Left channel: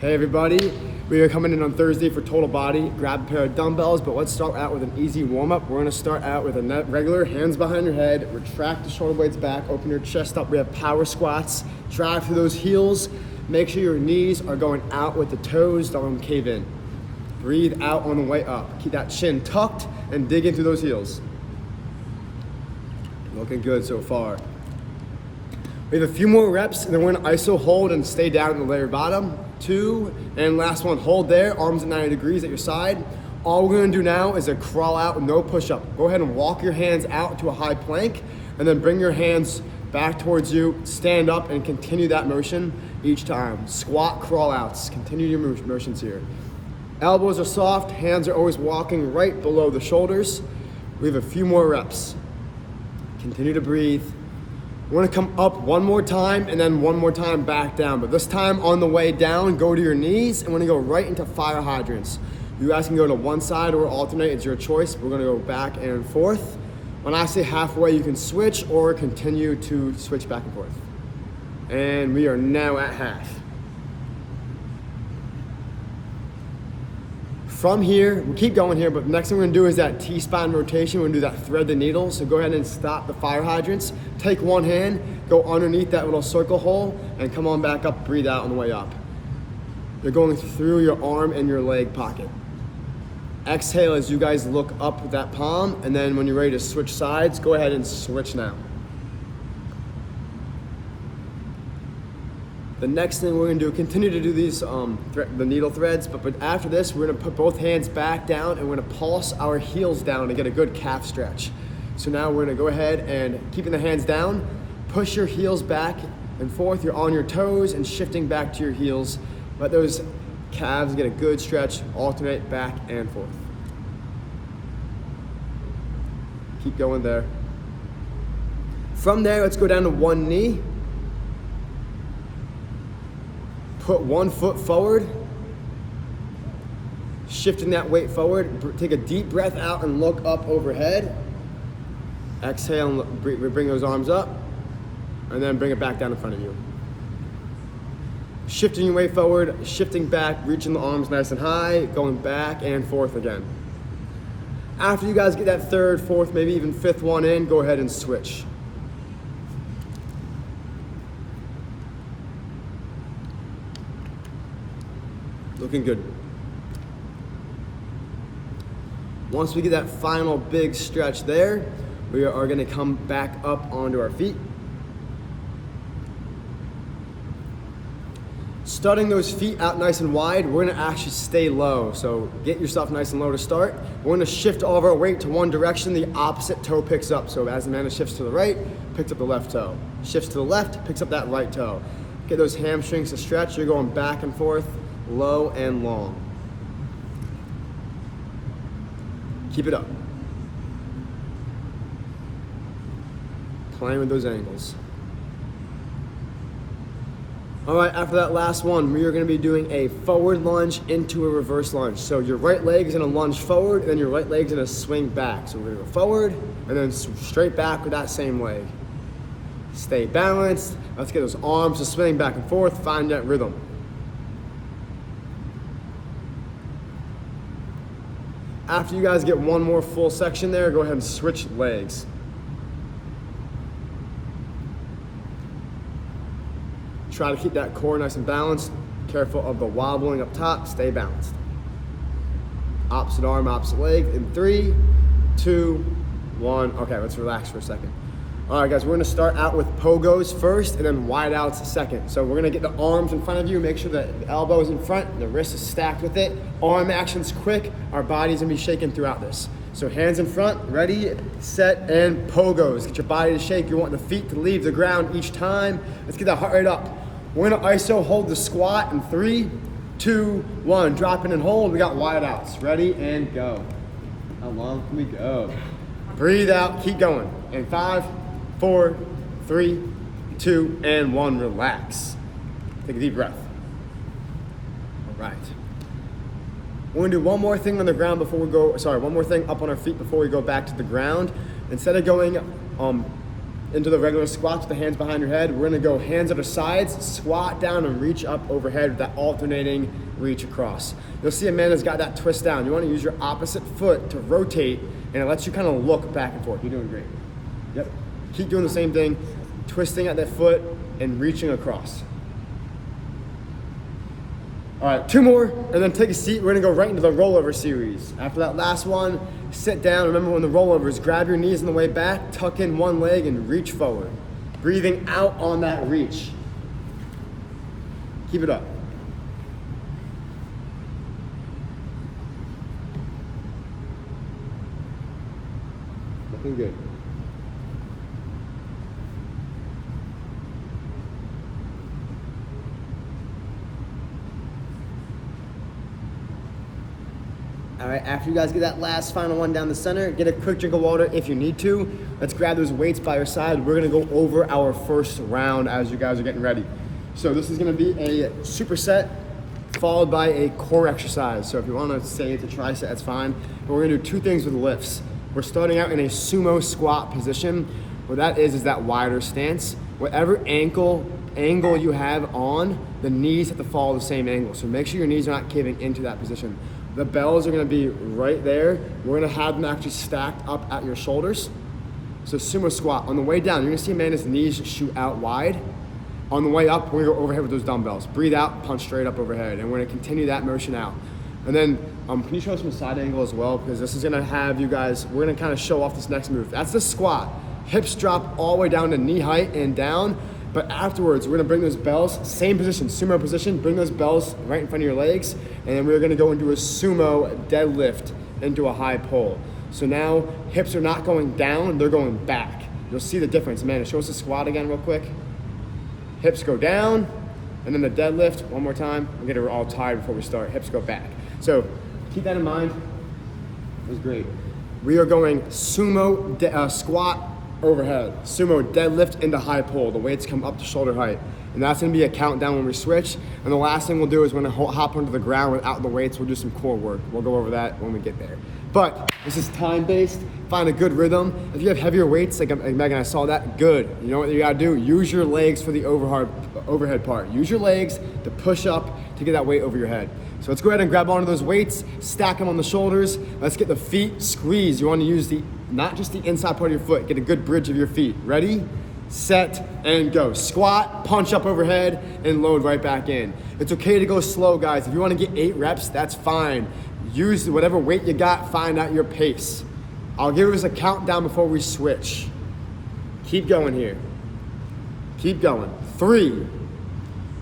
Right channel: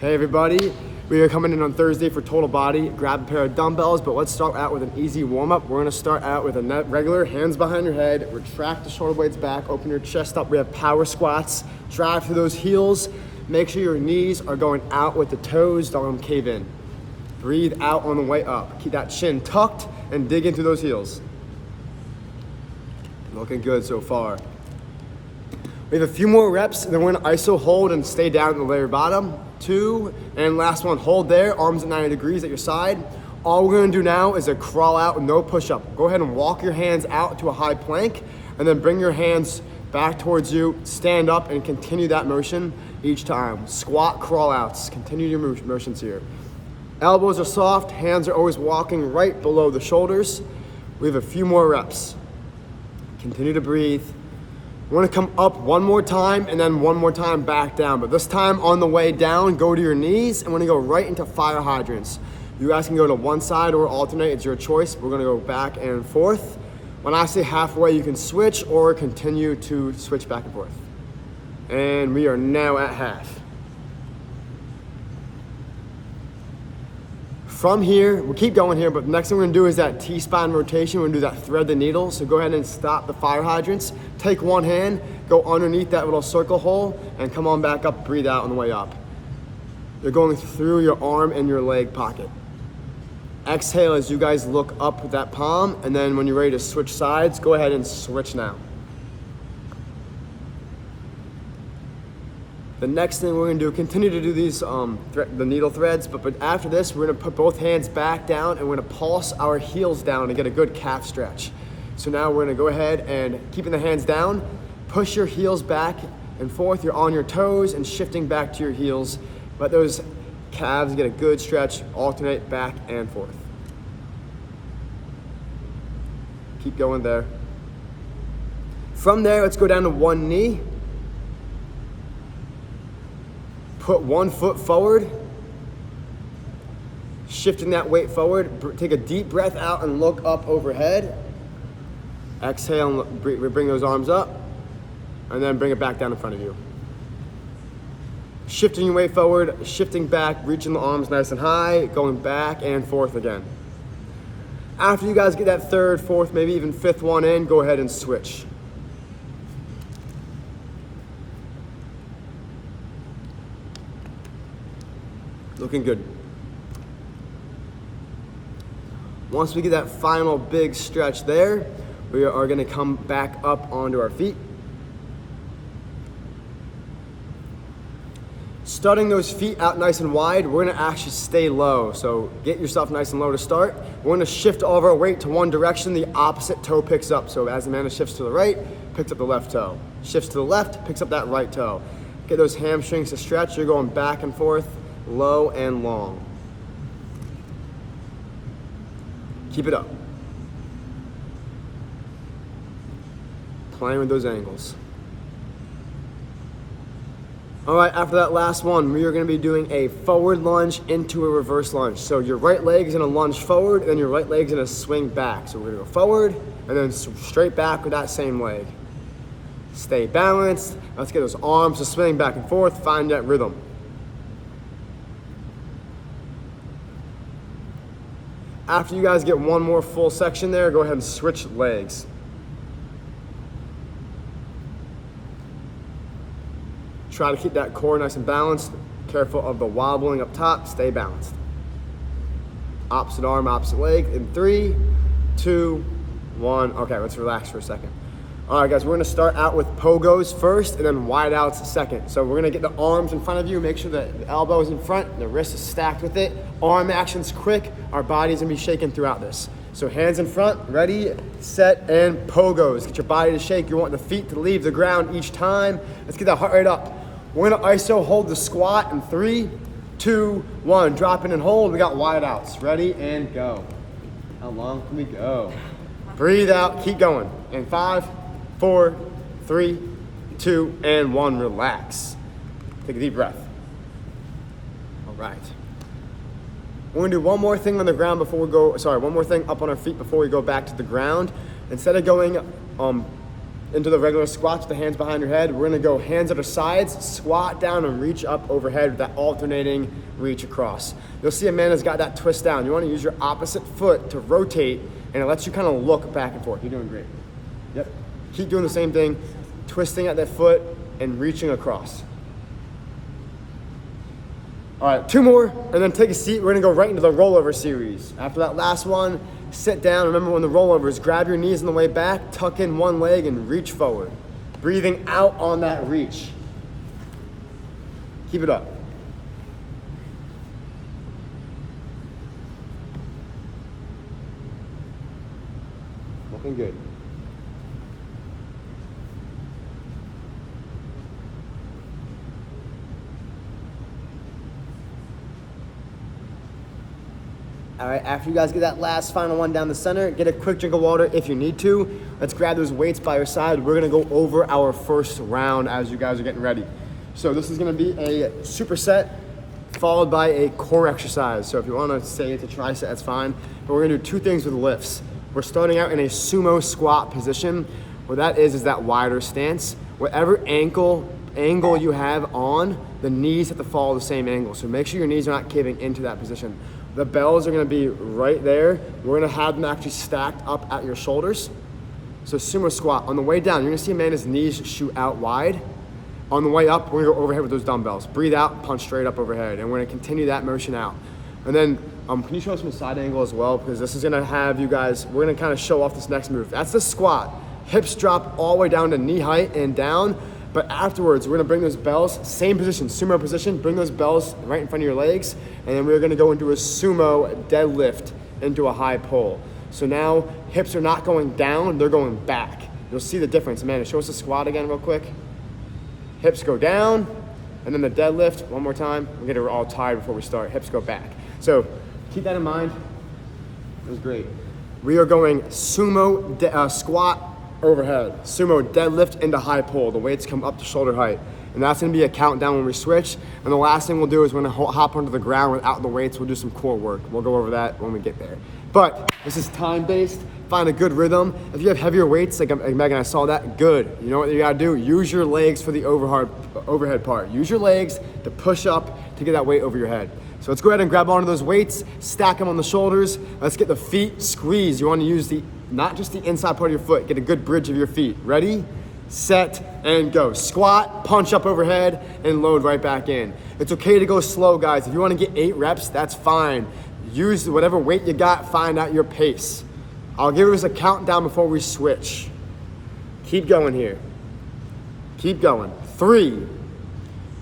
Hey everybody, we are coming in on Thursday for total body. Grab a pair of dumbbells, but let's start out with an easy warm-up. We're gonna start out with a regular hands behind your head, retract the shoulder blades back, open your chest up. We have power squats. Drive through those heels. Make sure your knees are going out with the toes, don't cave in. Breathe out on the way up. Keep that chin tucked and dig into those heels. Looking good so far. We have a few more reps, and then we're gonna ISO hold and stay down in the lower bottom. 2, and last one, hold there, arms at 90 degrees at your side. All we're gonna do now is a crawl out, no push up. Go ahead and walk your hands out to a high plank, and then bring your hands back towards you, stand up, and continue that motion each time. Squat, crawl outs, continue your motions here. Elbows are soft, hands are always walking right below the shoulders. We have a few more reps. Continue to breathe. We're gonna come up one more time and then one more time back down. But this time on the way down, go to your knees and we're gonna go right into fire hydrants. You guys can go to one side or alternate, it's your choice. We're gonna go back and forth. When I say halfway, you can switch or continue to switch back and forth. And we are now at half. From here, we'll keep going here, but next thing we're gonna do is that T-spine rotation. We're gonna do that thread the needle. So go ahead and stop the fire hydrants. Take one hand, go underneath that little circle hole, and come on back up, breathe out on the way up. You're going through your arm and your leg pocket. Exhale as you guys look up with that palm, and then when you're ready to switch sides, go ahead and switch now. The next thing we're gonna do, continue to do these the needle threads, but after this, we're gonna put both hands back down and we're gonna pulse our heels down to get a good calf stretch. So now we're gonna go ahead and keeping the hands down, push your heels back and forth. You're on your toes and shifting back to your heels. Let those calves get a good stretch, alternate back and forth. Keep going there. From there, let's go down to one knee. Put one foot forward, shifting that weight forward. Take a deep breath out and look up overhead. Exhale and bring those arms up, and then bring it back down in front of you. Shifting your weight forward, shifting back, reaching the arms nice and high, going back and forth again. After you guys get that third, fourth, maybe even fifth one in, go ahead and switch. Looking good. Once we get that final big stretch there, we are gonna come back up onto our feet. Starting those feet out nice and wide, we're gonna actually stay low. So get yourself nice and low to start. We're gonna shift all of our weight to one direction, the opposite toe picks up. So as Amanda shifts to the right, picks up the left toe. Shifts to the left, picks up that right toe. Get those hamstrings to stretch, you're going back and forth, low and long. Keep it up. Playing with those angles. All right, after that last one, we are gonna be doing a forward lunge into a reverse lunge. So your right leg is gonna lunge forward, and your right leg is gonna swing back. So we're gonna go forward, and then straight back with that same leg. Stay balanced. Let's get those arms to swing back and forth, find that rhythm. After you guys get one more full section there, go ahead and switch legs. Try to keep that core nice and balanced. Careful of the wobbling up top, stay balanced. Opposite arm, opposite leg in 3, 2, 1. Okay, let's relax for a second. All right, guys, we're gonna start out with pogos first and then wide outs second. So we're gonna get the arms in front of you, make sure that the elbow is in front, the wrist is stacked with it. Arm action's quick, our body's gonna be shaking throughout this. So hands in front, ready, set, and pogos. Get your body to shake. You want the feet to leave the ground each time. Let's get that heart rate up. We're gonna ISO hold the squat in 3, 2, 1. Drop in and hold, we got wide outs. Ready, and go. How long can we go? Breathe out, keep going. And 5, 4, 3, 2, and 1. Relax. Take a deep breath. All right. We're gonna do one more thing on the ground before we go, one more thing up on our feet before we go back to the ground. Instead of going into the regular squats with the hands behind your head. We're gonna go hands up to sides, squat down and reach up overhead with that alternating reach across. You'll see Amanda's got that twist down. You wanna use your opposite foot to rotate, and it lets you kind of look back and forth. You're doing great. Yep, keep doing the same thing, twisting at that foot and reaching across. All right, 2 more, and then take a seat. We're gonna go right into the rollover series. After that last one, sit down. Remember when the rollovers, grab your knees on the way back, tuck in one leg and reach forward. Breathing out on that reach. Keep it up. Looking good. All right, after you guys get that last final one down the center, get a quick drink of water if you need to. Let's grab those weights by your side. We're gonna go over our first round as you guys are getting ready. So this is gonna be a superset followed by a core exercise. So if you wanna say it's a tricep, that's fine. But we're gonna do 2 things with lifts. We're starting out in a sumo squat position. What that is that wider stance. Whatever angle you have on, the knees have to follow the same angle. So make sure your knees are not caving into that position. The bells are gonna be right there. We're gonna have them actually stacked up at your shoulders. So sumo squat. On the way down, you're gonna see Amanda's knees shoot out wide. On the way up, we're gonna go overhead with those dumbbells. Breathe out, punch straight up overhead. And we're gonna continue that motion out. And then, can you show us from the side angle as well? Because this is gonna have you guys, we're gonna kind of show off this next move. That's the squat. Hips drop all the way down to knee height and down. But afterwards, we're gonna bring those bells, same position, sumo position, bring those bells right in front of your legs, and then we're gonna go into a sumo deadlift into a high pull. So now, hips are not going down, they're going back. You'll see the difference. Amanda, show us the squat again real quick. Hips go down, and then the deadlift, one more time. We'll get it all tired before we start. Hips go back. So keep that in mind. It was great. We are going sumo squat overhead, sumo deadlift into high pull. The weights come up to shoulder height. And that's gonna be a countdown when we switch. And the last thing we'll do is we're gonna hop onto the ground without the weights. We'll do some core work. We'll go over that when we get there. But this is time-based. Find a good rhythm. If you have heavier weights, like Megan, I saw that, good. You know what you gotta do? Use your legs for the overhead part. Use your legs to push up to get that weight over your head. So let's go ahead and grab onto those weights, stack them on the shoulders. Let's get the feet squeezed. You wanna use not just the inside part of your foot, get a good bridge of your feet. Ready, set, and go. Squat, punch up overhead, and load right back in. It's okay to go slow, guys. If you wanna get 8 reps, that's fine. Use whatever weight you got, find out your pace. I'll give us a countdown before we switch. Keep going here. Keep going. 3,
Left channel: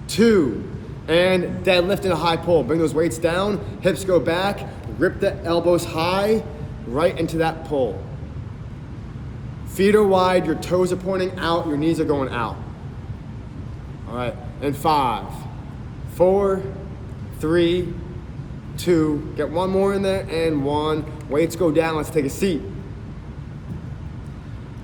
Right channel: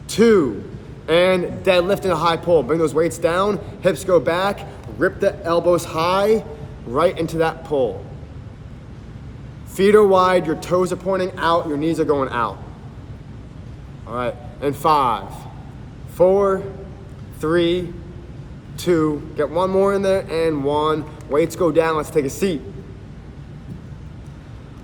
2, and deadlift in a high pull. Bring those weights down, hips go back, rip the elbows high, right into that pull. Feet are wide, your toes are pointing out, your knees are going out. All right, and 5, 4, 3, 2, get one more in there, and 1. Weights go down, let's take a seat.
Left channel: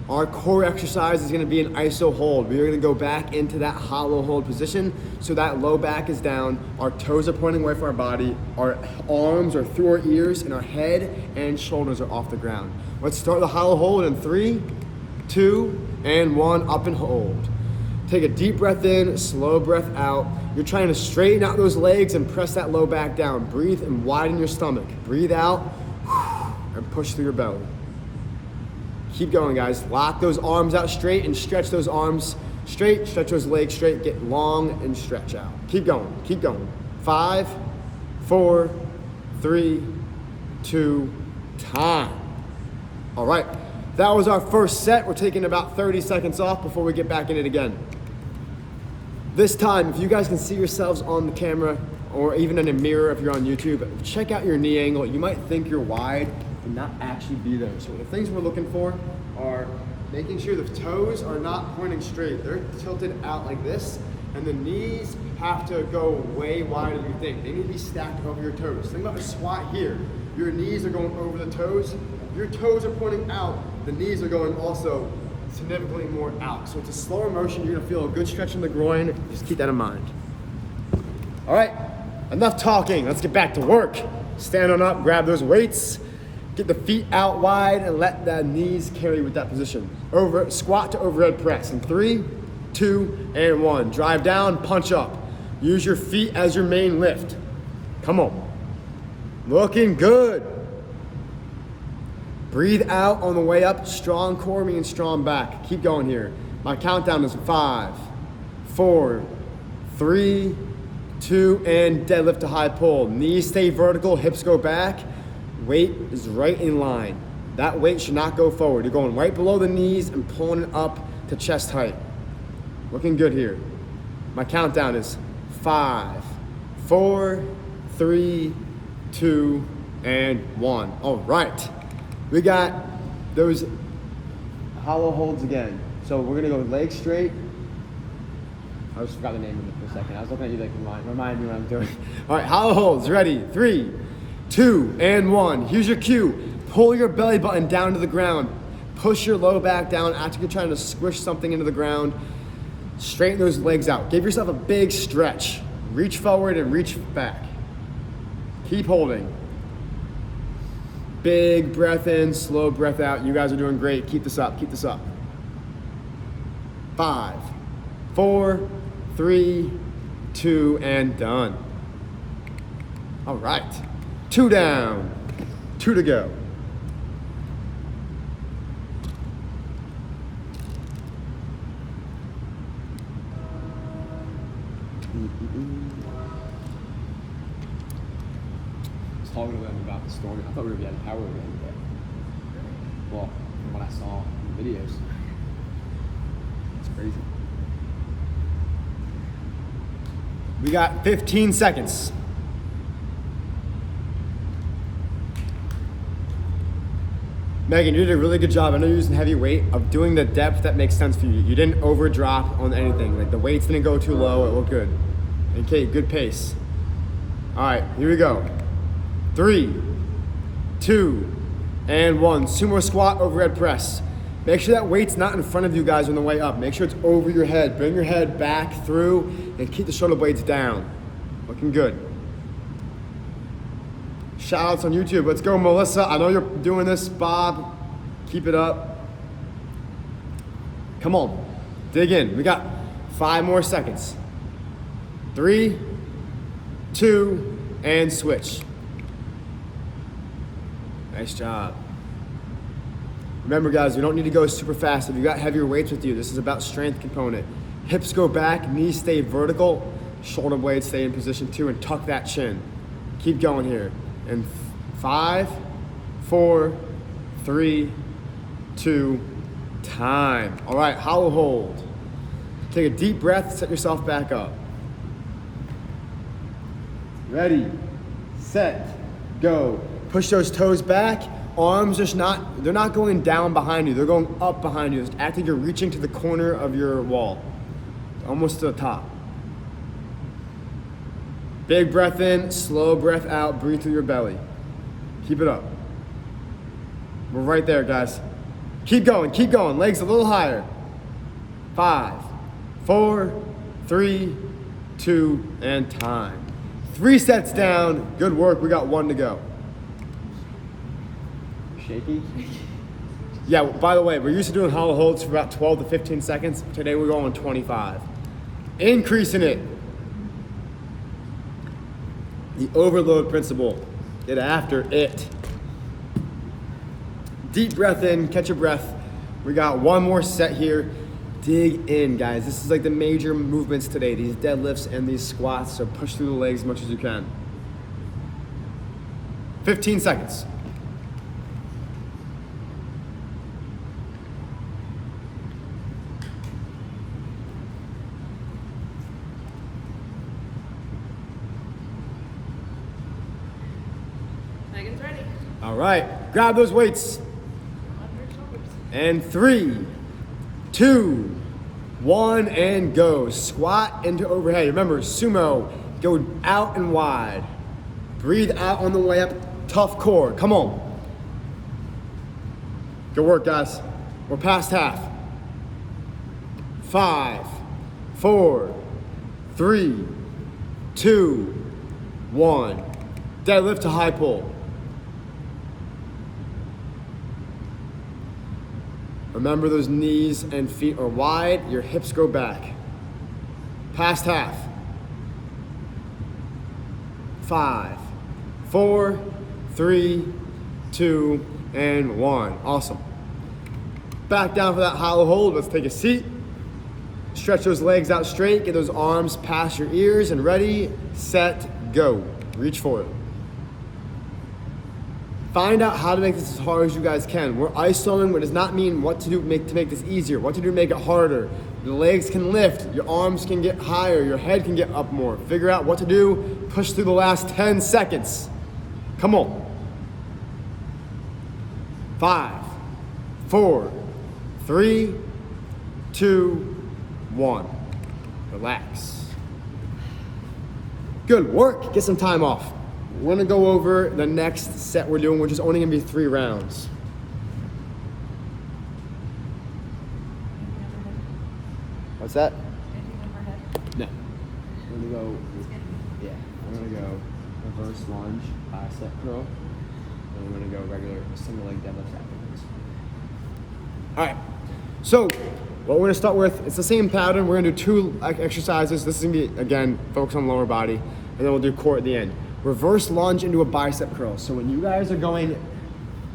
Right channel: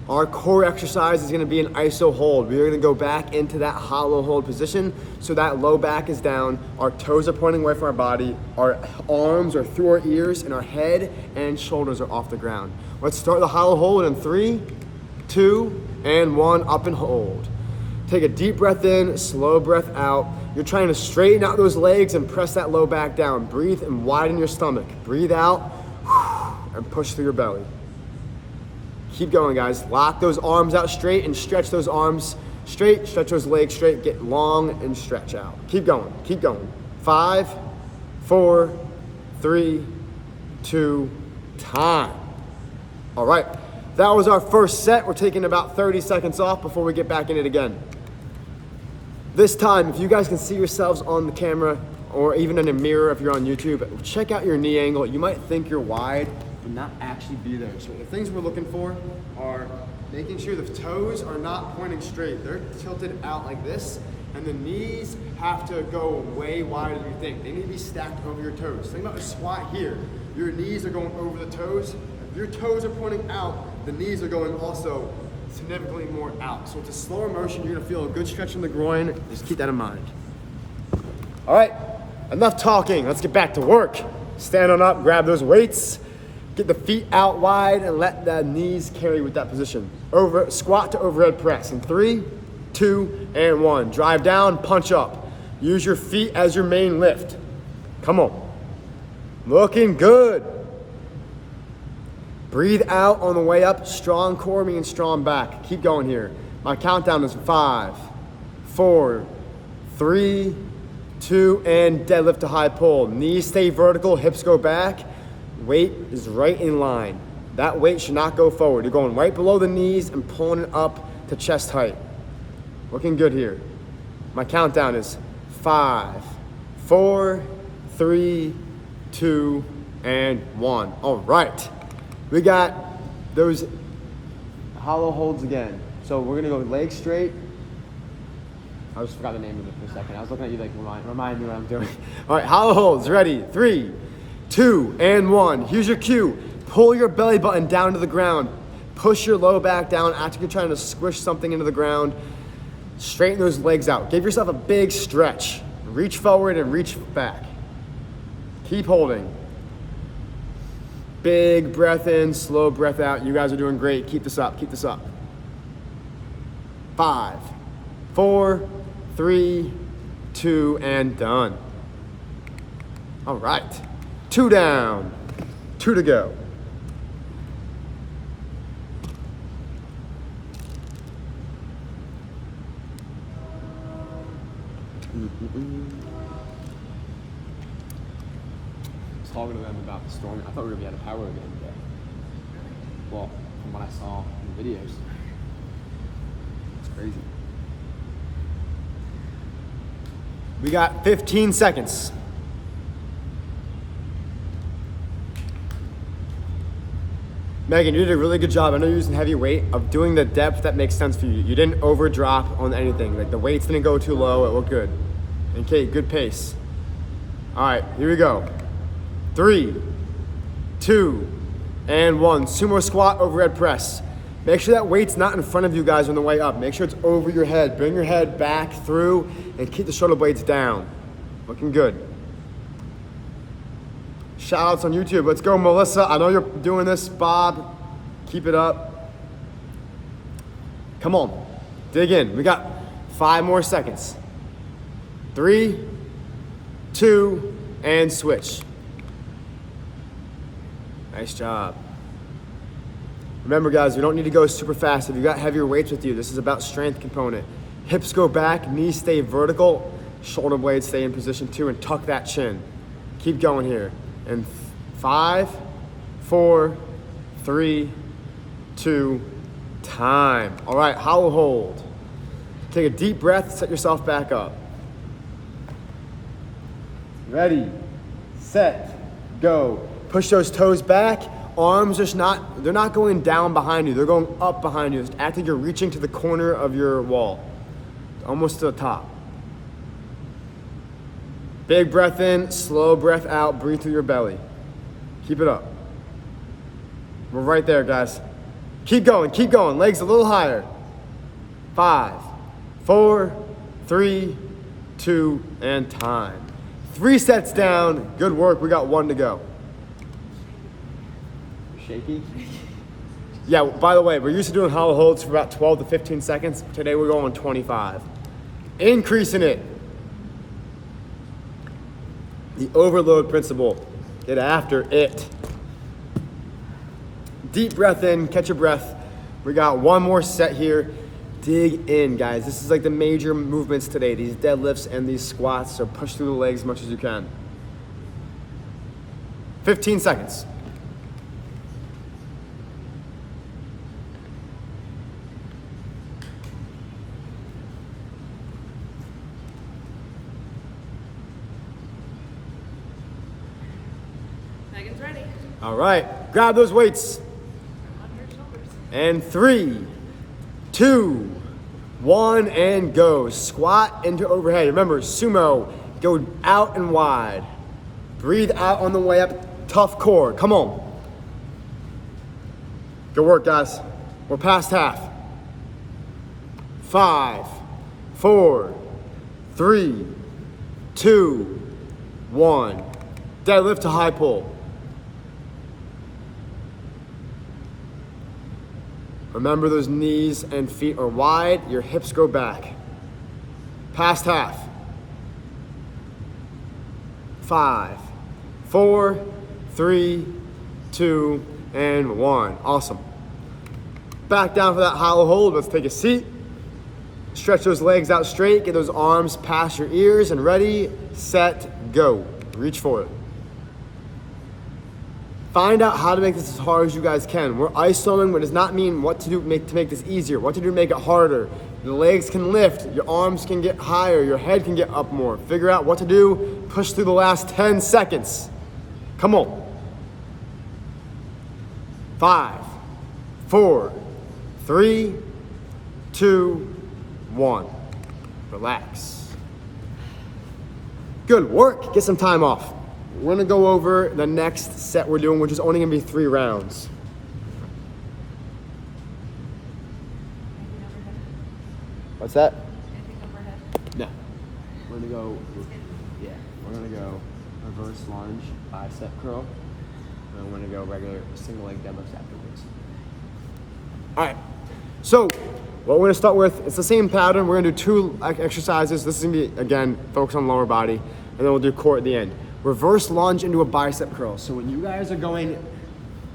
Our core exercise is gonna be an iso hold. We're gonna go back into that hollow hold position so that low back is down, our toes are pointing away from our body, our arms are through our ears, and our head and shoulders are off the ground. Let's start the hollow hold in 3, 2, and 1, up and hold. Take a deep breath in, slow breath out. You're trying to straighten out those legs and press that low back down. Breathe and widen your stomach. Breathe out and push through your belly. Keep going, guys. Lock those arms out straight and stretch those arms straight. Stretch those legs straight. Get long and stretch out. Keep going. Keep going. 5, 4, 3, 2, time. All right. That was our first set. We're taking about 30 seconds off before we get back in it again. This time, if you guys can see yourselves on the camera or even in a mirror if you're on YouTube, check out your knee angle. You might think you're wide, but not actually be there. So the things we're looking for are making sure the toes are not pointing straight. They're tilted out like this, and the knees have to go way wider than you think. They need to be stacked over your toes. Think about the squat here. Your knees are going over the toes. If your toes are pointing out, the knees are going also significantly more out. So it's a slower motion. You're gonna feel a good stretch in the groin. Just keep that in mind. All right, enough talking. Let's get back to work. Stand on up, grab those weights. Get the feet out wide and let the knees carry with that position. Squat to overhead press in 3, 2, and 1. Drive down, punch up. Use your feet as your main lift. Come on. Looking good. Breathe out on the way up. Strong core means strong back. Keep going here. My countdown is 5, 4, 3, 2, and deadlift to high pull. Knees stay vertical, hips go back. Weight is right in line. That weight should not go forward. You're going right below the knees and pulling it up to chest height. Looking good here. My countdown is 5, 4, 3, 2, and 1. All right. We got those hollow holds again. So we're gonna go legs straight. I just forgot the name of it for a second. I was looking at you like, remind me what I'm doing. All right, hollow holds, ready? 3, 2, and 1. Here's your cue. Pull your belly button down to the ground. Push your low back down. Actually, you're trying to squish something into the ground. Straighten those legs out. Give yourself a big stretch. Reach forward and reach back. Keep holding. Big breath in, slow breath out. You guys are doing great. Keep this up, keep this up. 5, 4, 3, 2, and done. All right. 2 down, 2 to go. Talking to them about the storm. I thought we were going to get power again today. Really? Well, from what I saw in the videos. It's crazy. We got 15 seconds. Megan, you did a really good job. I know you're using heavy weight of doing the depth that makes sense for you. You didn't overdrop on anything. Like the weights didn't go too low. It looked good. Okay, good pace. All right, here we go. 3, 2, and 1. Sumo squat, overhead press. Make sure that weight's not in front of you guys on the way up. Make sure it's over your head. Bring your head back through and keep the shoulder blades down. Looking good. Shout outs on YouTube. Let's go, Melissa. I know you're doing this. Bob, keep it up. Come on. Dig in. We got 5 more seconds. 3, 2, and switch. Nice job. Remember guys, you don't need to go super fast. If you got heavier weights with you, this is about strength component. Hips go back, knees stay vertical, shoulder blades stay in position too, and tuck that chin. Keep going here. And 5, 4, 3, 2, time. All right, hollow hold. Take a deep breath, set yourself back up. Ready, set, go. Push those toes back. Arms they're not going down behind you. They're going up behind you. It's acting you're reaching to the corner of your wall. Almost to the top. Big breath in, slow breath out. Breathe through your belly. Keep it up. We're right there, guys. Keep going, keep going. Legs a little higher. 5, 4, 3, 2, and time. 3 sets down. Good work. We got 1 to go. Shaky? Yeah, by the way, we're used to doing hollow holds for about 12 to 15 seconds. Today we're going 25. Increasing it. The overload principle. Get after it. Deep breath in, catch your breath. We got 1 more set here. Dig in, guys. This is like the major movements today. These deadlifts and these squats, so push through the legs as much as you can. 15 seconds. Megan's ready. All right, grab those weights. Under her shoulders. And 3, 2, 1, and go. Squat into overhead. Remember, sumo, go out and wide. Breathe out on the way up. Tough core. Come on. Good work, guys. We're past half. 5, 4, 3, 2, 1. Deadlift to high pull. Remember those knees and feet are wide, your hips go back. Past half. 5, 4, 3, 2, and 1. Awesome. Back down for that hollow hold. Let's take a seat. Stretch those legs out straight. Get those arms past your ears and ready, set, go. Reach for it. Find out how to make this as hard as you guys can. We're isoing, but does not mean what to do to make this easier, what to do to make it harder. The legs can lift, your arms can get higher, your head can get up more. Figure out what to do, push through the last 10 seconds. Come on. 5, 4, 3, 2, 1. Relax. Good work. Get some time off. We're gonna go over the next set we're doing, which is only gonna be 3 rounds. Anything overhead? What's that? Anything overhead? No. We're gonna go. It's good. Yeah. We're gonna go reverse lunge, bicep curl, and we're gonna go regular single leg deadlifts afterwards. All right. So what we're gonna start with, it's the same pattern. We're gonna do 2 exercises. This is gonna be, again, focus on lower body, and then we'll do core at the end. Reverse lunge into a bicep curl. So when you guys are going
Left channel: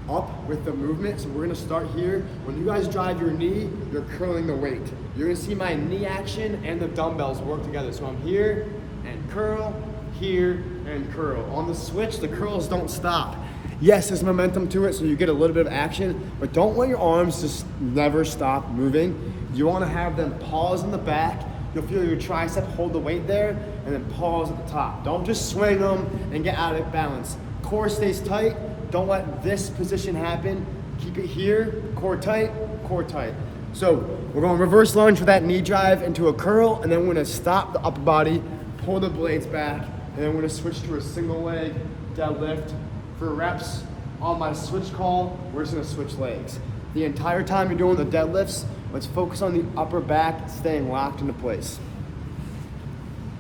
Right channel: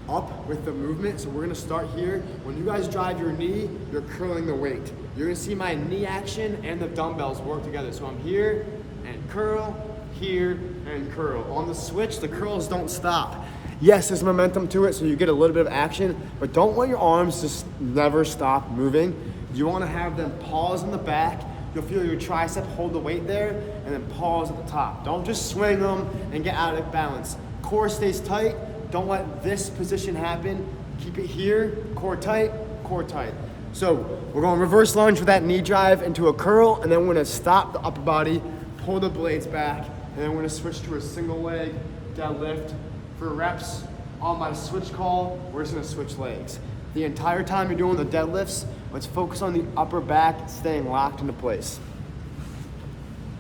up with the movement, so we're gonna start here. When you guys drive your knee, you're curling the weight. You're gonna see my knee action and the dumbbells work together. So I'm here and curl, here and curl. On the switch, the curls don't stop. Yes, there's momentum to it, so you get a little bit of action, but don't let your arms just never stop moving. You wanna have them pause in the back. You'll feel your tricep hold the weight there, and then pause at the top. Don't just swing them and get out of balance. Core stays tight. Don't let this position happen. Keep it here, core tight, core tight. So we're going reverse lunge with that knee drive into a curl, and then we're gonna stop the upper body, pull the blades back, and then we're gonna switch to a single leg deadlift. For reps on my switch call, we're just gonna switch legs. The entire time you're doing the deadlifts, let's focus on the upper back staying locked into place.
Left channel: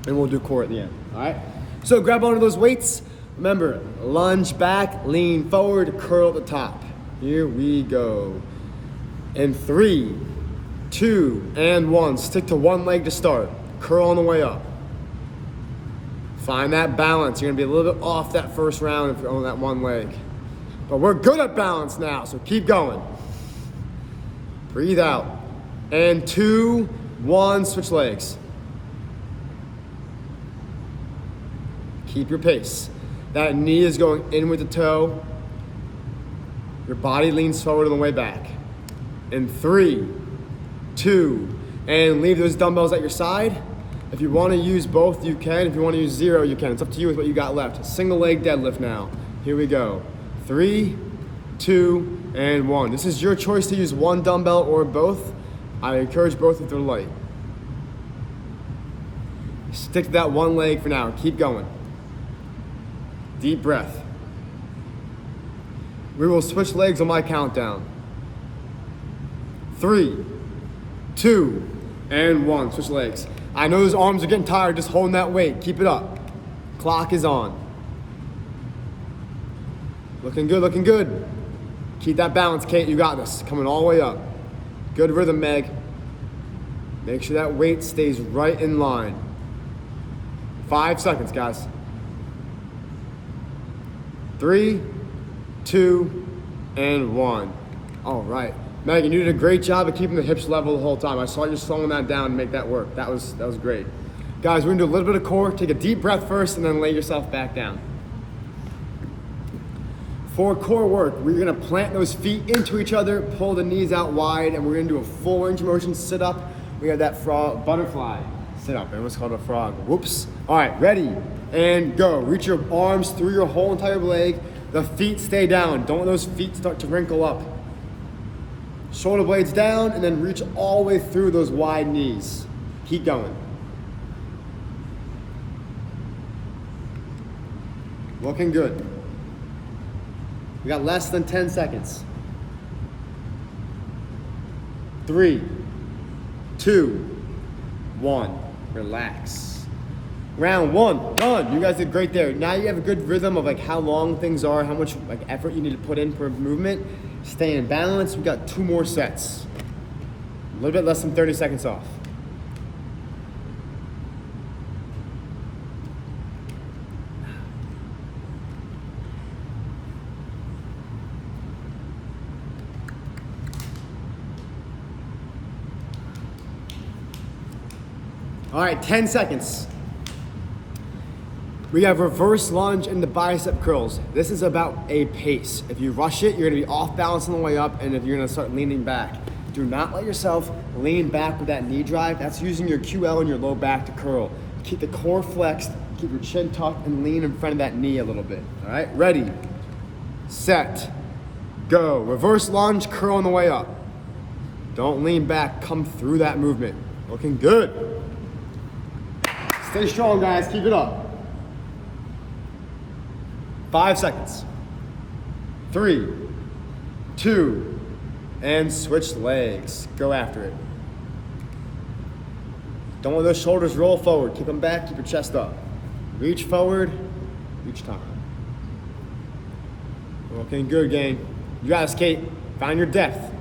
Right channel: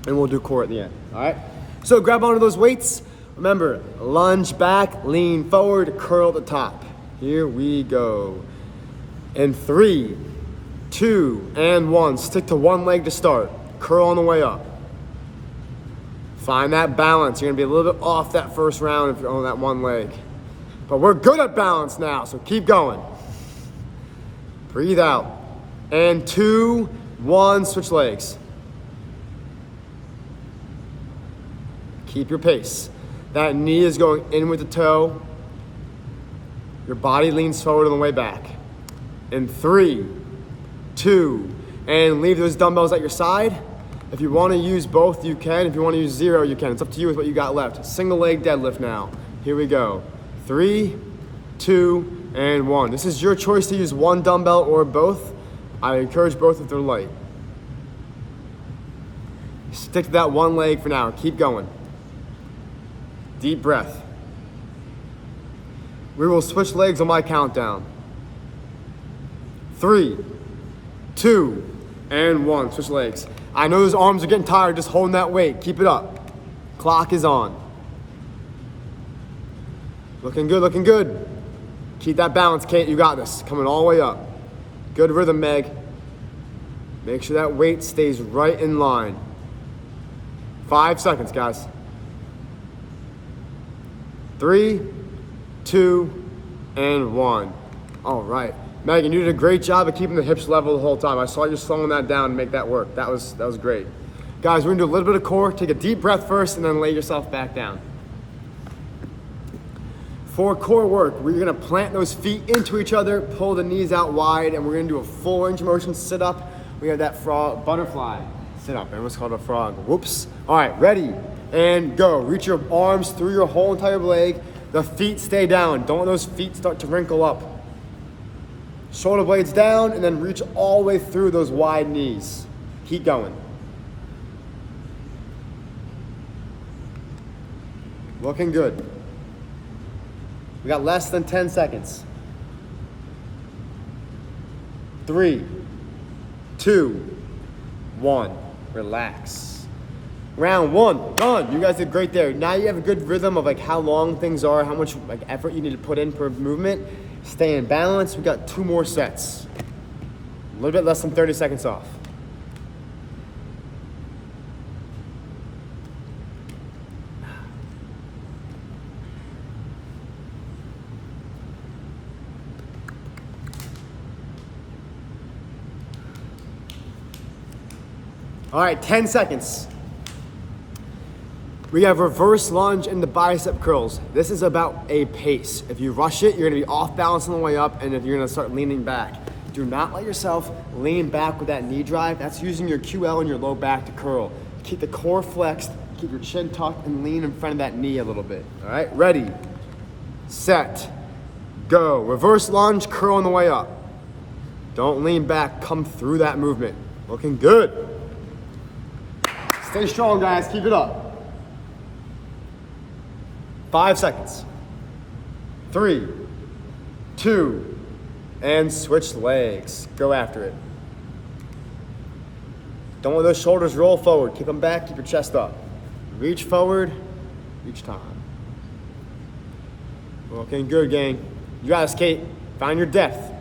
And we'll do core at the end, all right? So grab onto those weights. Remember, lunge back, lean forward, curl at the top. Here we go. In 3, 2, and 1. Stick to one leg to start. Curl on the way up. Find that balance. You're gonna be a little bit off that first round if you're on that one leg. But we're good at balance now, so keep going. Breathe out. And 2, 1, switch legs. Keep your pace. That knee is going in with the toe. Your body leans forward on the way back. In 3, 2, and leave those dumbbells at your side. If you want to use both, you can. If you want to use 0, you can. It's up to you with what you got left. Single leg deadlift now. Here we go. 3, 2, and 1. This is your choice to use one dumbbell or both. I encourage both if they're light. Stick to that one leg for now. Keep going. Deep breath. We will switch legs on my countdown. 3, 2, and 1. Switch legs. I know those arms are getting tired just holding that weight. Keep it up. Clock is on. Looking good, looking good. Keep that balance, Kate. You got this. Coming all the way up. Good rhythm, Meg. Make sure that weight stays right in line. 5 seconds, guys. 3, 2, and 1. All right. Megan, you did a great job of keeping the hips level the whole time. I saw you slowing that down to make that work. That was great. Guys, we're gonna do a little bit of core. Take a deep breath first and then lay yourself back down. For core work, we're gonna plant those feet into each other, pull the knees out wide, and we're gonna do a full range of motion sit up. We have that frog, butterfly sit up. It was called a frog. Whoops. All right, ready, and go. Reach your arms through your whole entire leg. The feet stay down. Don't let those feet start to wrinkle up. Shoulder blades down, and then reach all the way through those wide knees. Keep going. Looking good. We got less than 10 seconds. 3, 2, 1. Relax. Round 1, done. You guys did great there. Now you have a good rhythm of like how long things are, how much like effort you need to put in per movement. Stay in balance. We got 2 more sets. A little bit less than 30 seconds off. All right, 10 seconds. We have reverse lunge into bicep curls. This is about a pace. If you rush it, you're gonna be off balance on the way up, and if you're gonna start leaning back. Do not let yourself lean back with that knee drive. That's using your QL and your low back to curl. Keep the core flexed, keep your chin tucked, and lean in front of that knee a little bit. All right, ready, set, go. Reverse lunge, curl on the way up. Don't lean back, come through that movement. Looking good. Stay strong, guys, keep it up. 5 seconds. 3, 2, and switch legs. Go after it. Don't let those shoulders roll forward. Keep them back, keep your chest up. Reach forward each time. Looking good, gang. You got this, Kate. Find your depth.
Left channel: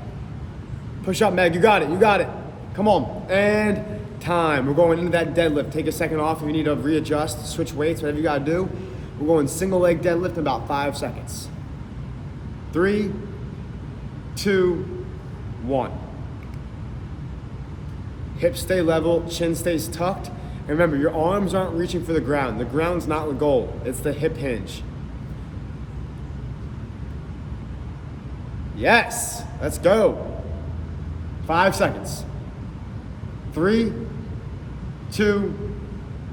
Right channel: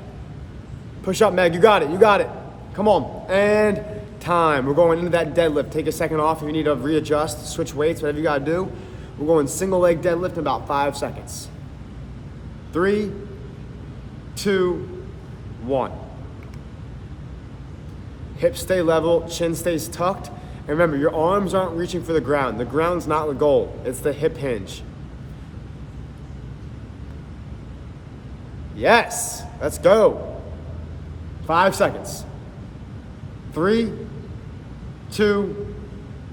Push up, Meg. You got it, you got it. Come on. And time. We're going into that deadlift. Take a second off if you need to readjust, switch weights, whatever you gotta do. We're going single leg deadlift in about 5 seconds. 3, 2, 1. Hips stay level, chin stays tucked. And remember, your arms aren't reaching for the ground. The ground's not the goal, it's the hip hinge. Yes, let's go. 5 seconds. 3, 2,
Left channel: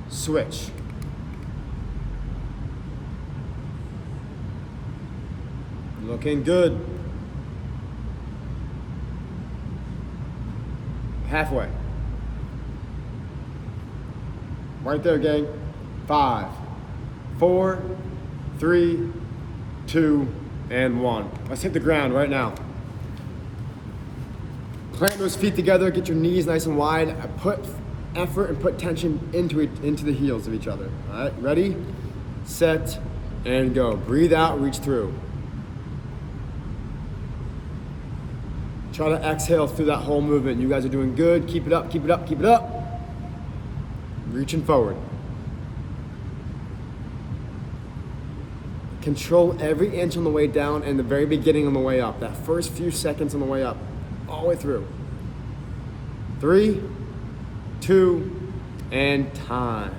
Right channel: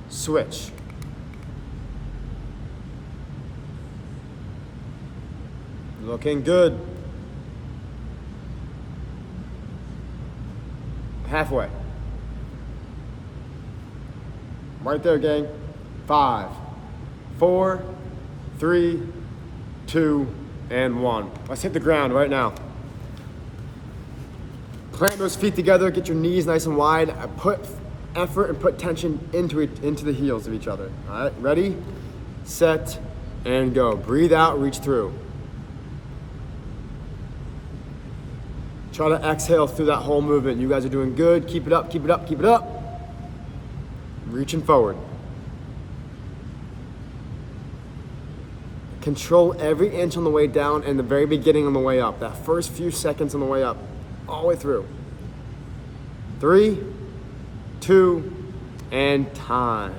switch. Looking good. Halfway. Right there, gang. 5, 4, 3, 2, and 1. Let's hit the ground right now. Plant those feet together, get your knees nice and wide. Put effort and put tension into the heels of each other. All right, ready, set, and go. Breathe out, reach through. Try to exhale through that whole movement. You guys are doing good. Keep it up, keep it up, keep it up. Reaching forward. Control every inch on the way down and the very beginning on the way up. That first few seconds on the way up, all the way through. 3, 2, and time.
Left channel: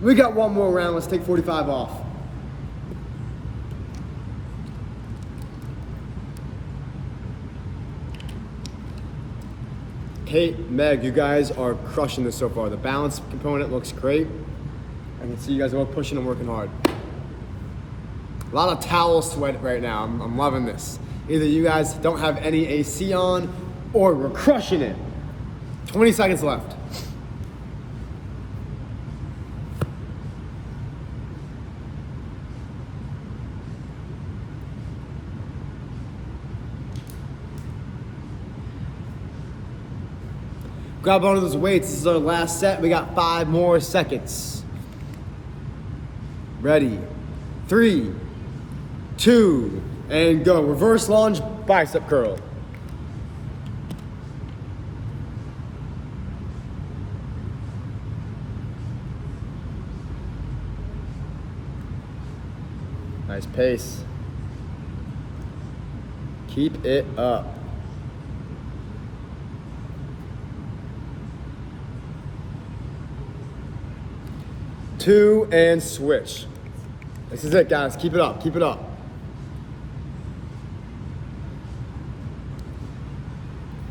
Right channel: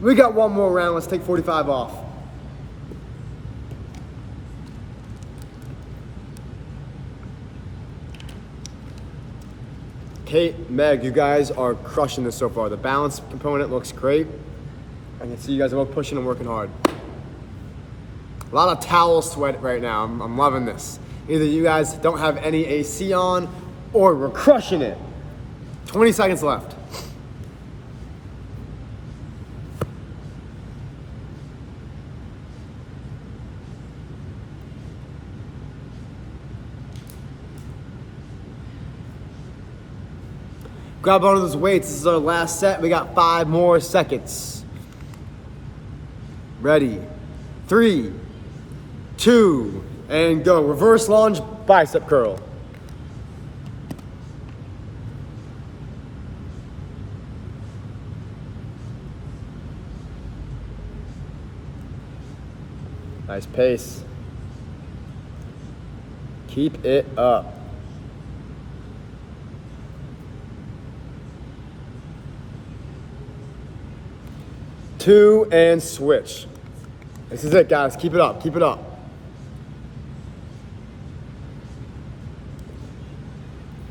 We got one more round. Let's take 45 off. Kate, Meg, you guys are crushing this so far. The balance component looks great. I can see you guys are both pushing and working hard. A lot of towel sweat right now. I'm loving this. Either you guys don't have any AC on or we're crushing it. 20 seconds left. Grab one of those weights. This is our last set. We got 5 more seconds. Ready. 3, 2, and go. Reverse lunge, bicep curl. Nice pace. Keep it up. 2, and switch. This is it, guys. Keep it up, keep it up.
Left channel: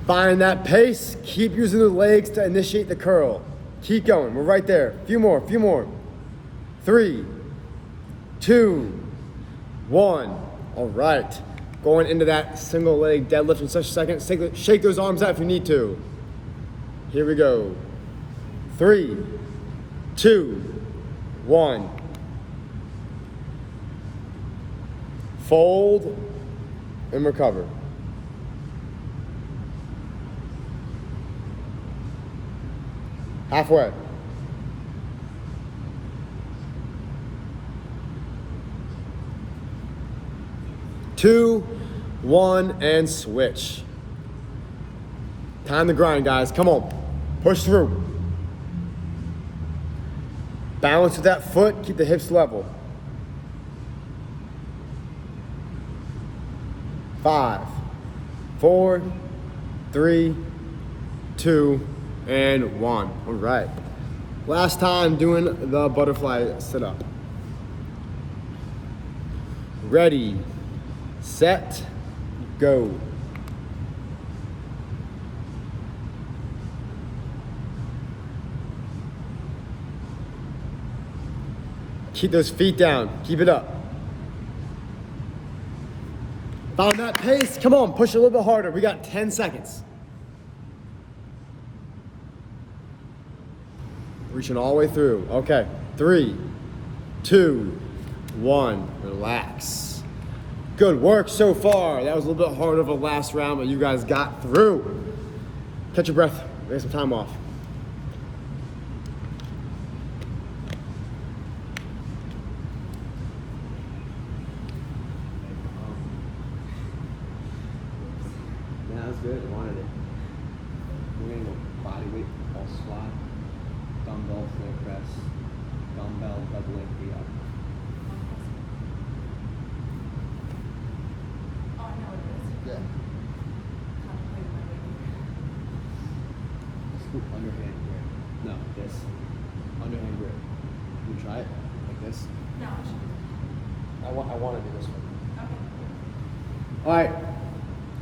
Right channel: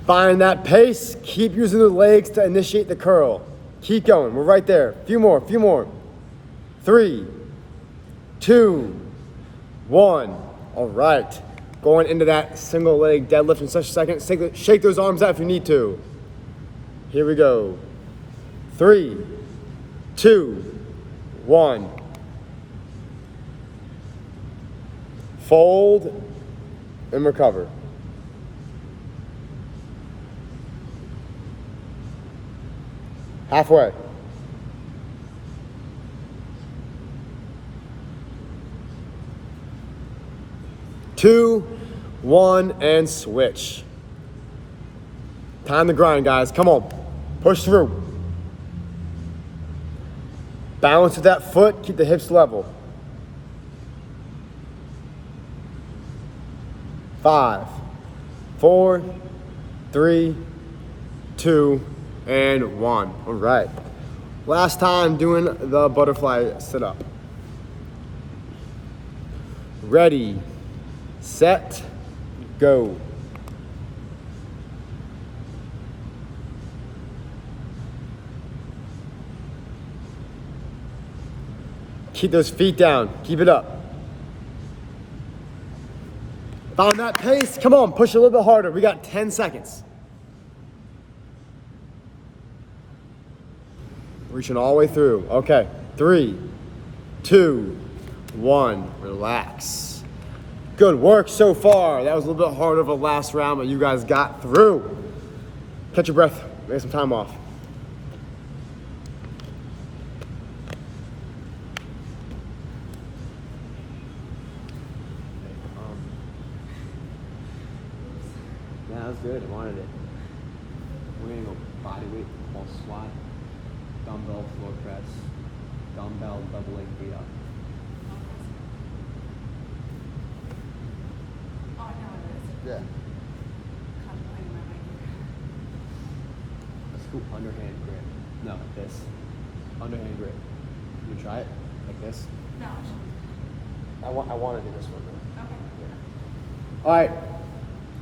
Find that pace. Keep using the legs to initiate the curl. Keep going. We're right there. Few more, few more. 3, 2, 1. All right. Going into that single leg deadlift in such a second. Shake those arms out if you need to. Here we go. 3, 2, 1. Fold and recover. Halfway. 2, 1, and switch. Time to grind, guys. Come on. Push through. Balance with that foot. Keep the hips level. 5, 4, 3, 2, and 1. All right. Last time doing the butterfly sit-up. Ready, set, go. Keep those feet down. Keep it up. Found that pace. Come on, push a little bit harder. We got 10 seconds. Reaching all the way through. Okay, 3, 2, 1. Relax. Good work so far. That was a little bit harder of a last round, but you guys got through. Catch your breath. Get some time off. Yeah, that's good. I wanted it. We're gonna go body weight, pulse squat, dumbbell floor press, dumbbell double leg V up. Oh, I know what it is. Yeah. Contemplating my weight. A scoop underhand grip. No, this. Underhand grip. You try it like this. No, it should be. I want to do this one. Okay. All right.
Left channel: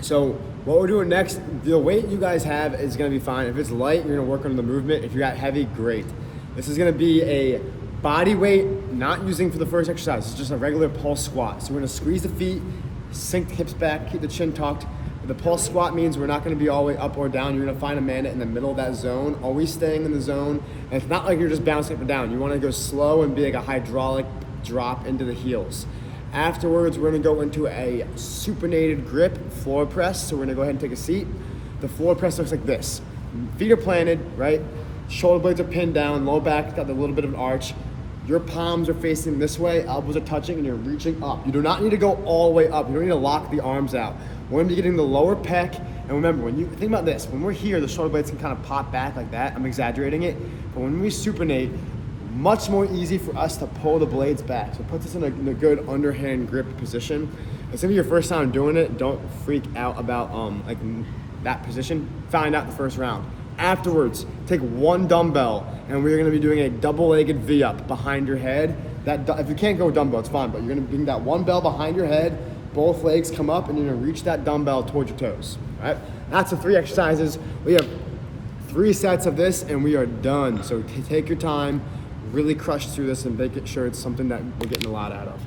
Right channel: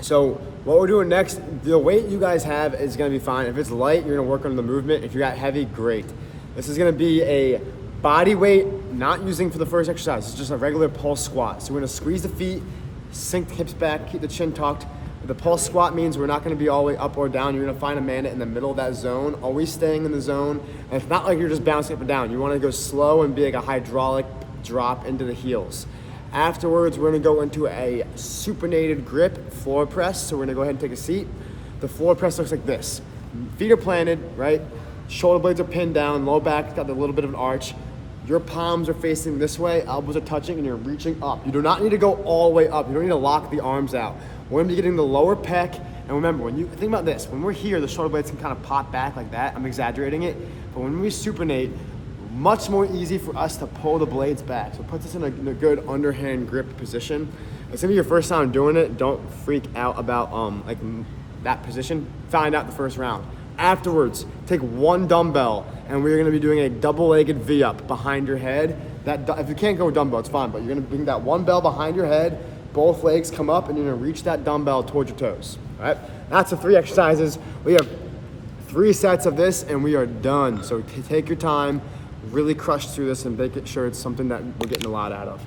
So what we're doing next, the weight you guys have is going to be fine. If it's light, you're going to work on the movement. If you got heavy, great. This is going to be a body weight, not using for the first exercise. It's just a regular pulse squat. So we're going to squeeze the feet, sink the hips back, keep the chin tucked. The pulse squat means we're not going to be all the way up or down. You're going to find a minute in the middle of that zone, always staying in the zone. And it's not like you're just bouncing up and down. You want to go slow and be like a hydraulic drop into the heels. Afterwards, we're gonna go into a supinated grip floor press. So we're gonna go ahead and take a seat. The floor press looks like this. Feet are planted, right? Shoulder blades are pinned down, low back got a little bit of an arch. Your palms are facing this way, elbows are touching, and you're reaching up. You do not need to go all the way up. You don't need to lock the arms out. We're gonna be getting the lower pec. And remember, when you think about this, when we're here, the shoulder blades can kind of pop back like that. I'm exaggerating it. But when we supinate, much more easy for us to pull the blades back. So it puts us in a good underhand grip position. It's gonna be your first time doing it. Don't freak out about like that position. Find out the first round. Afterwards, take one dumbbell and we're gonna be doing a double-legged V-up behind your head. If you can't go with dumbbell, it's fine, but you're gonna bring that one bell behind your head, both legs come up, and you're gonna reach that dumbbell towards your toes, all right? That's the 3 exercises. We have 3 sets of this and we are done. So take your time, really crush through this and make sure it's something that we're getting a lot out of.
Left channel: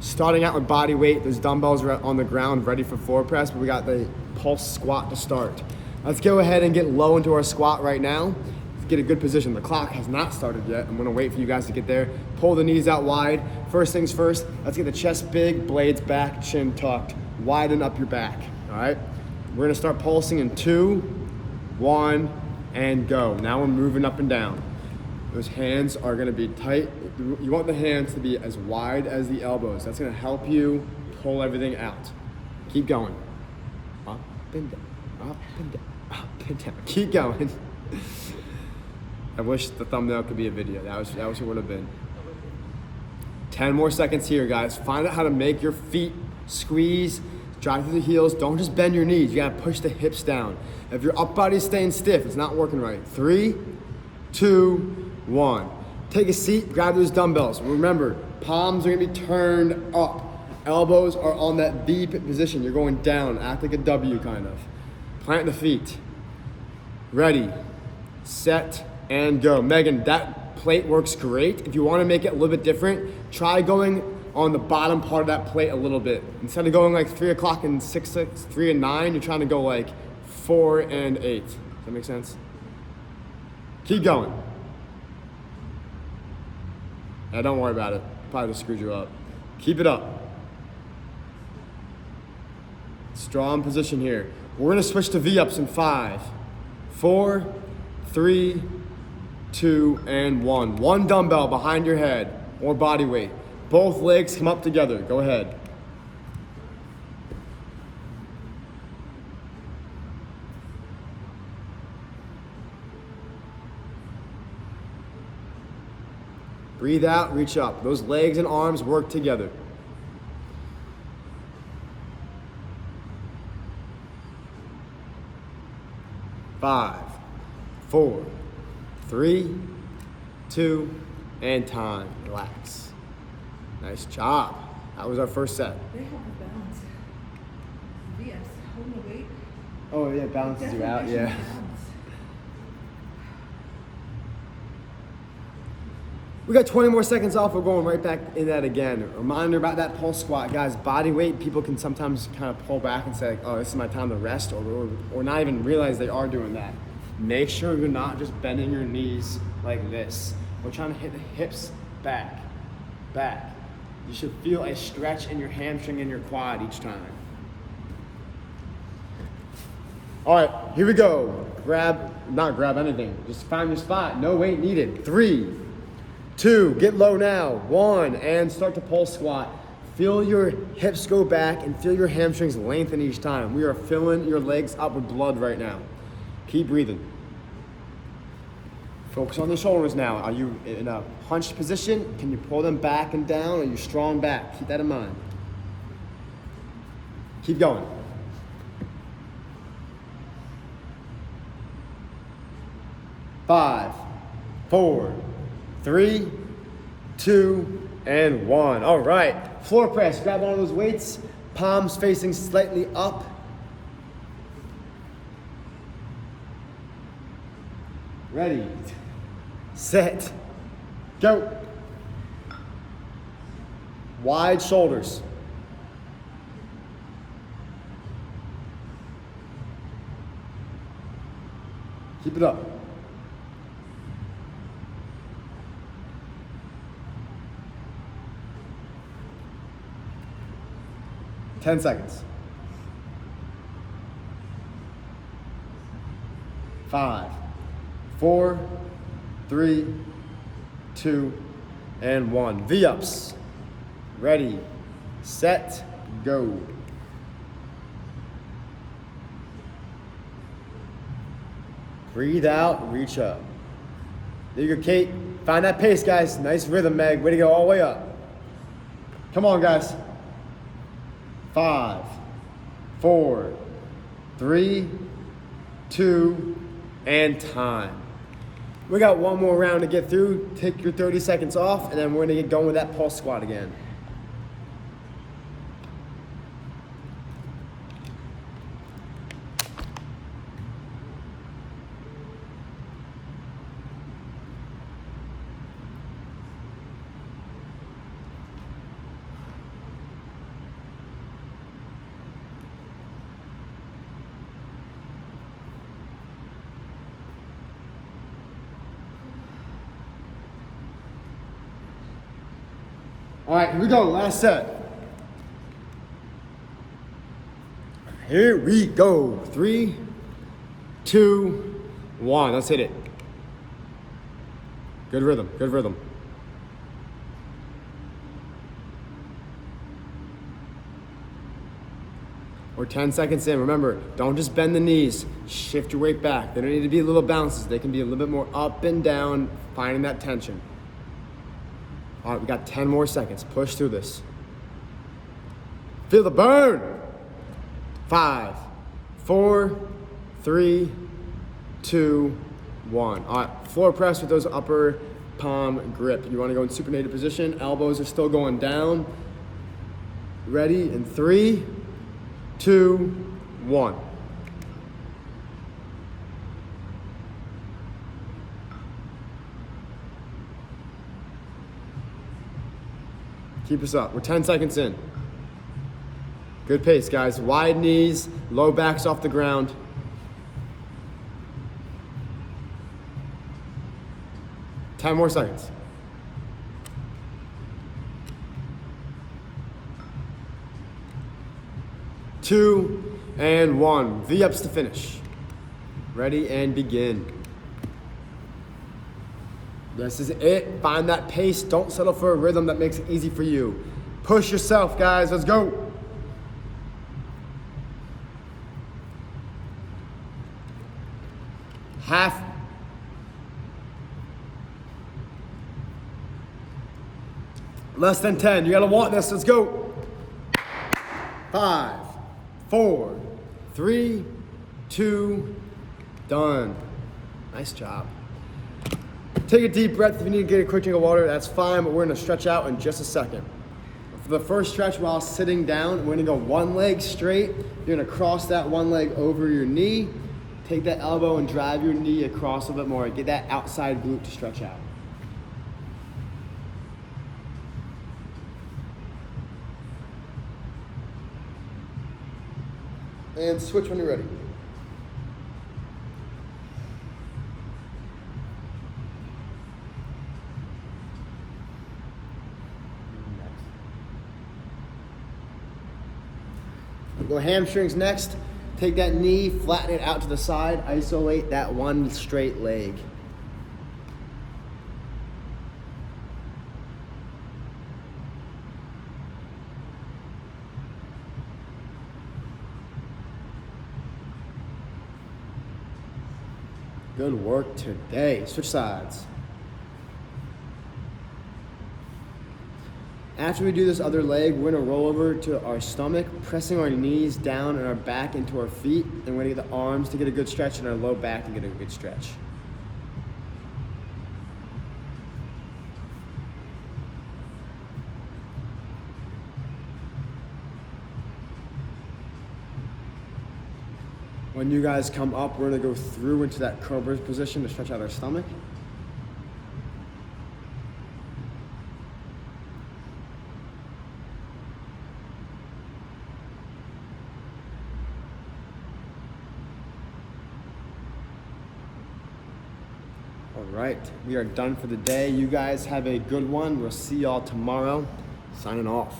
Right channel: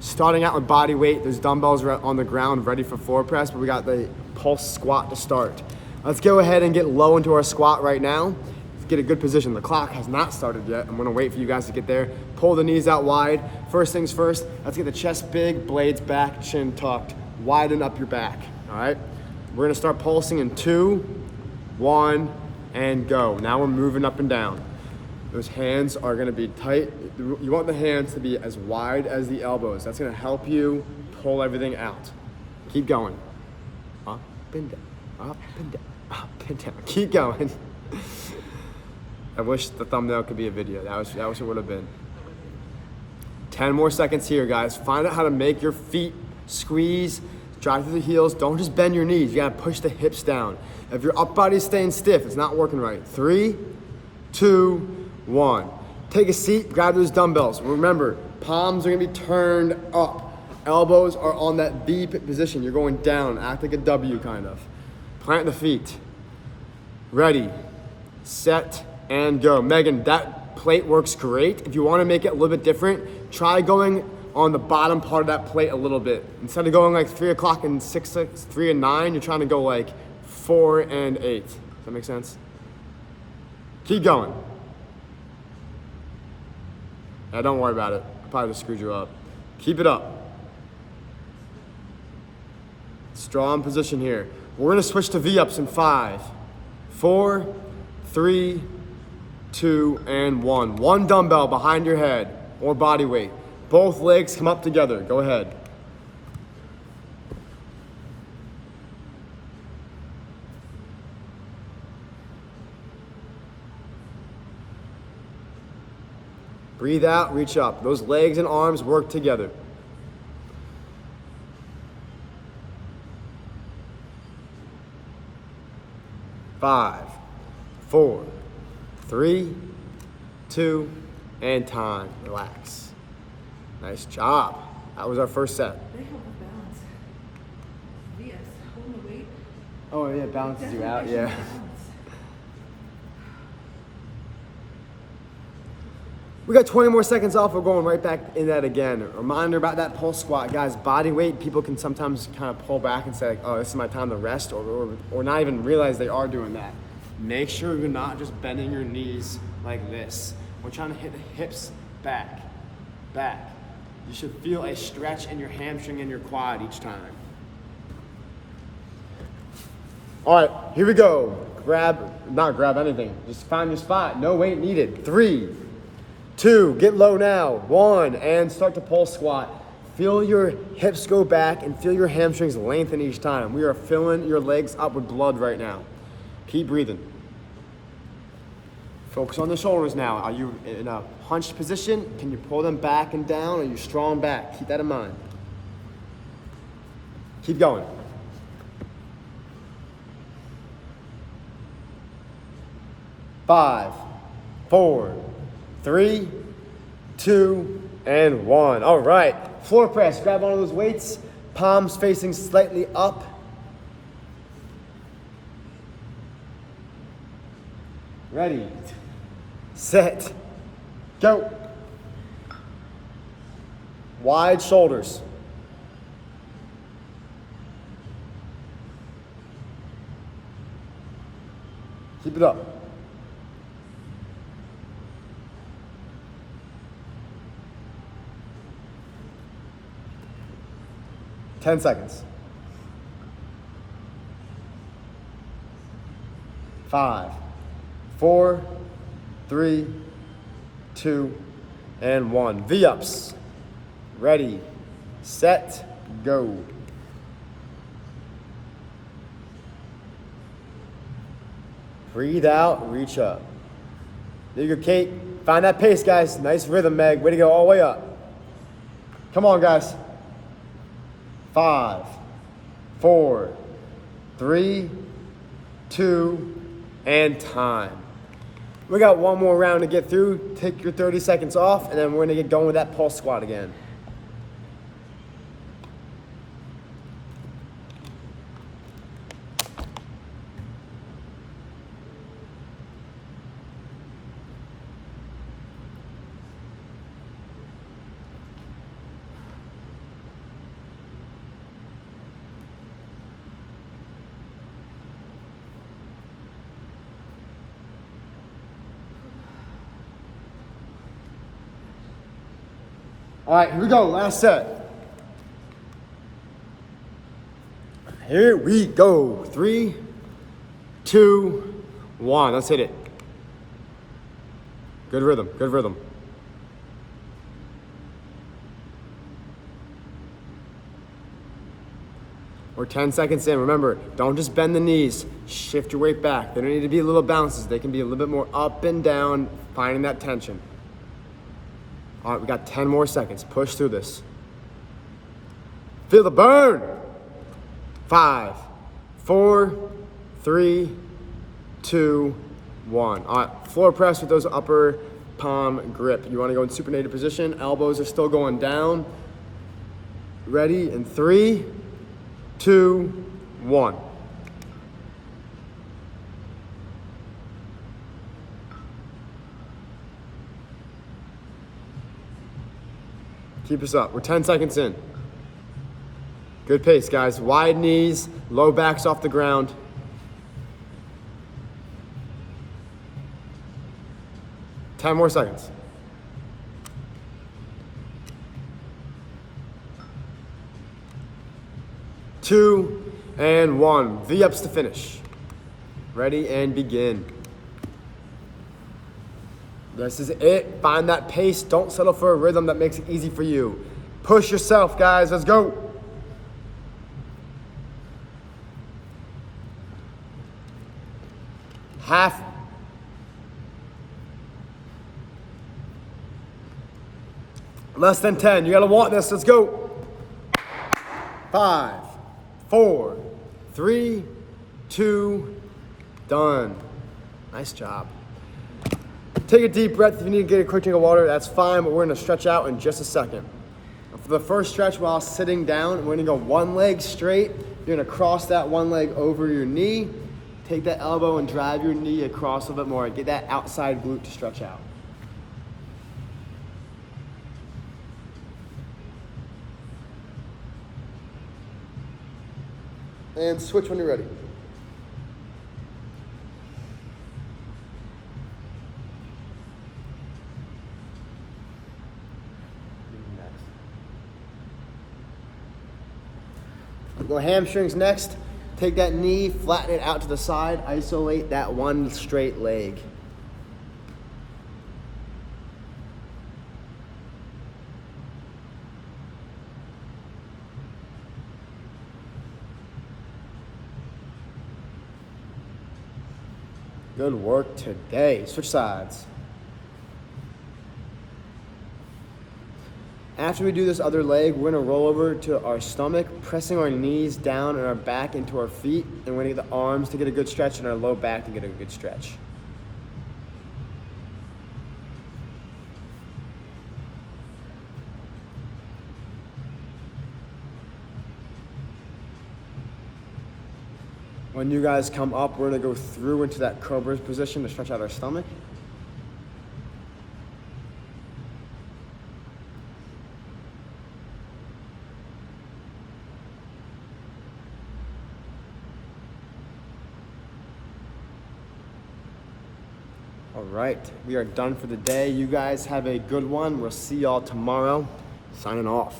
Starting out with body weight, there's dumbbells on the ground ready for floor press, but we got the pulse squat to start. Let's go ahead and get low into our squat right now. Let's get a good position. The clock has not started yet. I'm gonna wait for you guys to get there. Pull the knees out wide. First things first, let's get the chest big, blades back, chin tucked. Widen up your back, all right? We're gonna start pulsing in 2, 1, and go. Now we're moving up and down. Those hands are gonna be tight. You want the hands to be as wide as the elbows. That's gonna help you pull everything out. Keep going. Up and down, up and down, up and down. Keep going. I wish the thumbnail could be a video. That was what it would have been. 10 more seconds here, guys. Find out how to make your feet squeeze, drive through the heels. Don't just bend your knees. You gotta push the hips down. If your upper body's staying stiff, it's not working right. 3, 2, 1. Take a seat, grab those dumbbells. Remember, palms are gonna be turned up. Elbows are on that V position. You're going down, act like a W kind of. Plant the feet. Ready, set, and go. Megan, that plate works great. If you wanna make it a little bit different, try going on the bottom part of that plate a little bit. Instead of going like 3 o'clock and 6, 3 and 9, you're trying to go like 4 and 8. Does that make sense? Keep going. Don't worry about it. Probably just screwed you up. Keep it up. Strong position here. We're gonna switch to V-ups in 5, 4, 3, 2, and 1. One dumbbell behind your head or body weight. Both legs come up together. Go ahead. Breathe out, reach up. Those legs and arms work together. 5, 4, 3, 2, and time. Relax. Nice job. That was our first set. They help with balance. Yes, holding the weight. Oh yeah, balances you out, yeah. We got 20 more seconds off. We're going right back in that again. Reminder about that pulse squat, guys. Body weight, people can sometimes kind of pull back and say, like, oh, this is my time to rest, or not even realize they are doing that. Make sure you're not just bending your knees like this. We're trying to hit the hips back, back. You should feel a stretch in your hamstring and your quad each time. All right, here we go. Not grab anything. Just find your spot. No weight needed. 3, 2, get low now. 1, and start to pulse squat. Feel your hips go back and feel your hamstrings lengthen each time. We are filling your legs up with blood right now. Keep breathing. Focus on the shoulders now. Are you in a hunched position? Can you pull them back and down? Are you strong back? Keep that in mind. Keep going. Five, 4, 3, 2, and 1. All right, floor press. Grab one of those weights, palms facing slightly up. Ready, set, go. Wide shoulders. Keep it up. Ten seconds. 5, 4, 3, 2, and 1. V-ups. Ready, set, go. Breathe out, reach up. There you go, Kate. Find that pace, guys. Nice rhythm, Meg. Way to go, all the way up. Come on, guys. 5, 4, 3, 2, and time. We got one more round to get through. Take your 30 seconds off, and then we're gonna get going with that pulse squat again. All right, here we go, last set. Here we go. 3, 2, 1. Let's hit it. Good rhythm, good rhythm. We're 10 seconds in. Remember, don't just bend the knees. Shift your weight back. They don't need to be little bounces. They can be a little bit more up and down, finding that tension. All right, we got 10 more seconds. Push through this. Feel the burn. 5, 4, 3, 2, 1. All right, floor press with those upper palm grip. You want to go in supinated position. Elbows are still going down. Ready in 3, 2, 1. Keep us up. We're 10 seconds in. Good pace, guys. Wide knees, low backs off the ground. Ten more seconds. 2, and 1. V-ups to finish. Ready and begin. This is it. Find that pace. Don't settle for a rhythm that makes it easy for you. Push yourself, guys. Let's go. Less than 10. You gotta want this. Let's go. 5, 4, 3, 2, done. Nice job. Take a deep breath. If you need to get a quick drink of water, that's fine, but we're gonna stretch out in just a second. For the first stretch while sitting down, we're gonna go one leg straight. You're gonna cross that one leg over your knee. Take that elbow and drive your knee across a bit more. Get that outside glute to stretch out. And switch when you're ready. Go hamstrings next. Take that knee, flatten it out to the side, isolate that one straight leg. Good work today. Switch sides. After we do this other leg, we're gonna roll over to our stomach, pressing our knees down and our back into our feet, and we're gonna get the arms to get a good stretch and our low back to get a good stretch. When you guys come up, we're gonna go through into that cobra position to stretch out our stomach. All right, we are done for the day. You guys have a good one. We'll see y'all tomorrow. Signing off.